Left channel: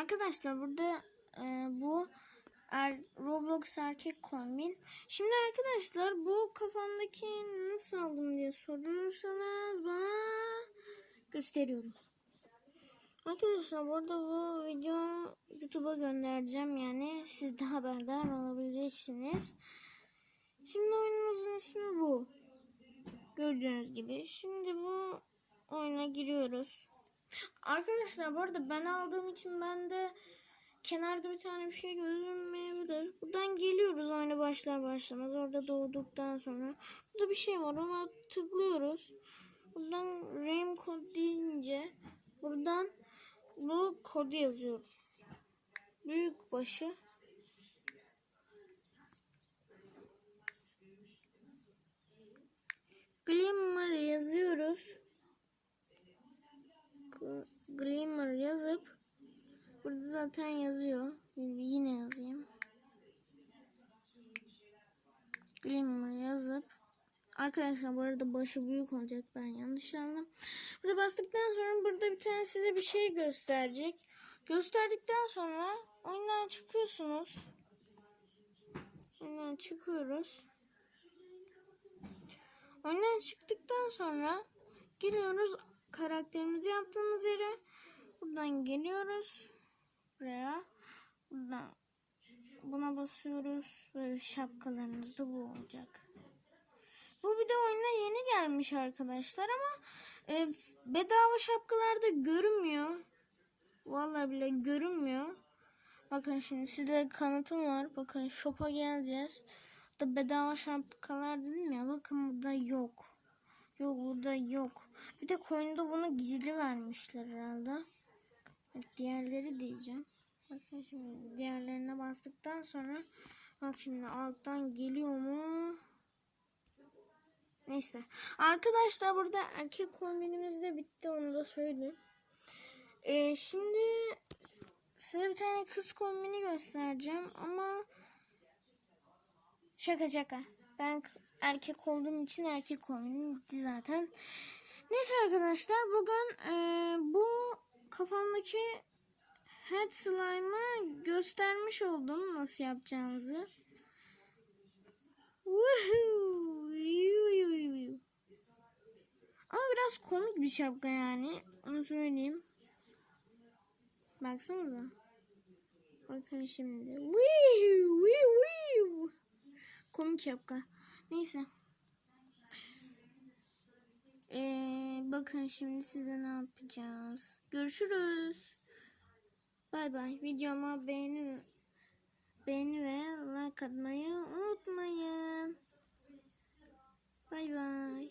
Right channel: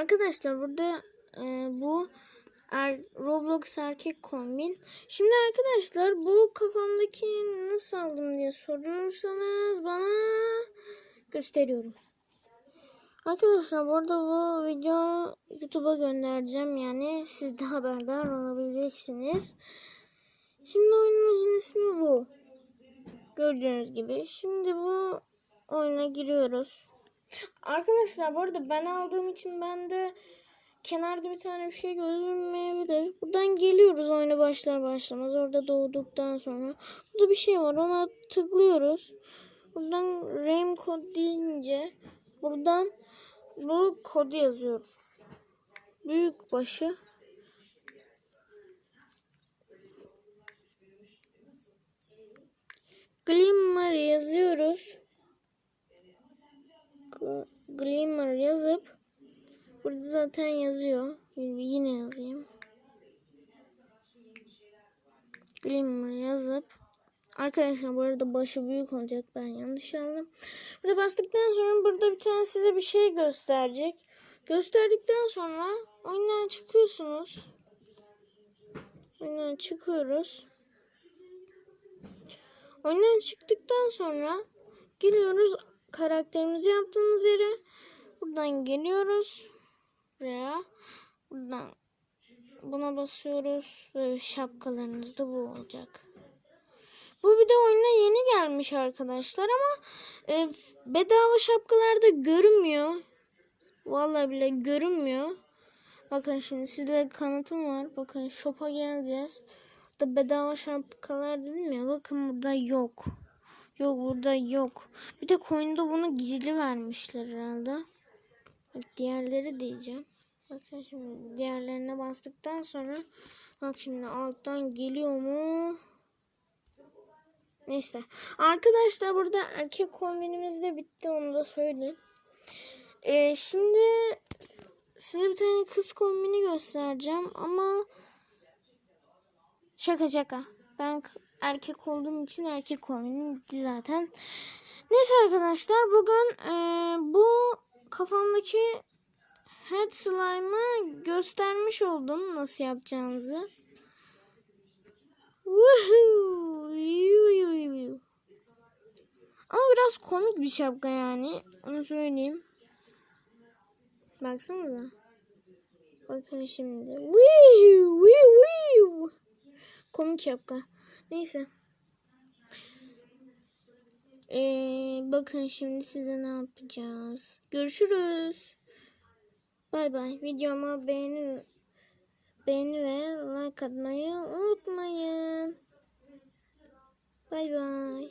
Arkadaşlar burada e, bu er, Roblox erkek kombin. Şimdi arkadaşlar bu kafamdaki nasıl aldım diye sorursanız bana gösteriyorum. Arkadaşlar burada bu video YouTube'a göndereceğim yani siz de haberdar olabileceksiniz. Şimdi oyunumuzun ismi bu. Gördüğünüz gibi. Şimdi bu oyuna giriyoruz. Arkadaşlar bu arada ben aldığım için ben de kenarda bir tane bir şey gözükmeyebilir. Buradan geliyoruz oyuna başlar başlamaz. Orada doğduktan sonra. Burada bir şey var ona tıklıyoruz. Buradan RAM kod deyince buradan bu kodu yazıyoruz. Büyük başı Glimmer yazıyoruz. G- Glimmer yazıp burada zaten yazıyor. Yine yazayım. Glimmer yazıp Arkadaşlar bu arada başı büyük olacak ben yanlış aldım. Burada bastıktan sonra burada bir tane size bir şey gösterecek. Gösterdikten sonra oyundan çıkıyorsunuz. Oyundan çıkıyoruz. Oyundan çıktıktan sonra geliyoruz karakterimizi yaptığımız yere. Buradan geliyoruz. Buraya. Buradan buna basıyoruz. Böyle şapkalarınız da bu olacak. Bu video oyuna yeni gelmiş arkadaşlar ama e, bedava şapkalarda görünmüyor. Vallahi bile görünmüyor. Bakın şimdi sizde kanıtım var. Bakın shop'a geleceğiz. Burada bedava şapkalar dedim ya. Bakın burada yok. Yok burada yok. Bir de coin'de bunu gizli vermişler herhalde. Diğerleri diyeceğim. Bakın şimdi diğerlerine bastıktan sonra bak şimdi alttan geliyor mu? Neyse. Arkadaşlar burada erkek kombinimiz de bitti onu da söyleyeyim. Ee, şimdi size bir tane kız kombini göstereceğim ama şaka şaka. Ben erkek olduğum için erkek kombini bitti zaten. Neyse arkadaşlar bugün e, bu kafamdaki head slime'ı göstermiş oldum nasıl yapacağınızı. Ama biraz komik bir şapka yani. Onu söyleyeyim. Baksanıza. Bakın şimdi. Komik şapka. Neyse. Ee, bakın şimdi size ne yapacağız. Görüşürüz. Bay bay. Videoma beğeni beğeni ve like atmayı unutmayın. Bay bay.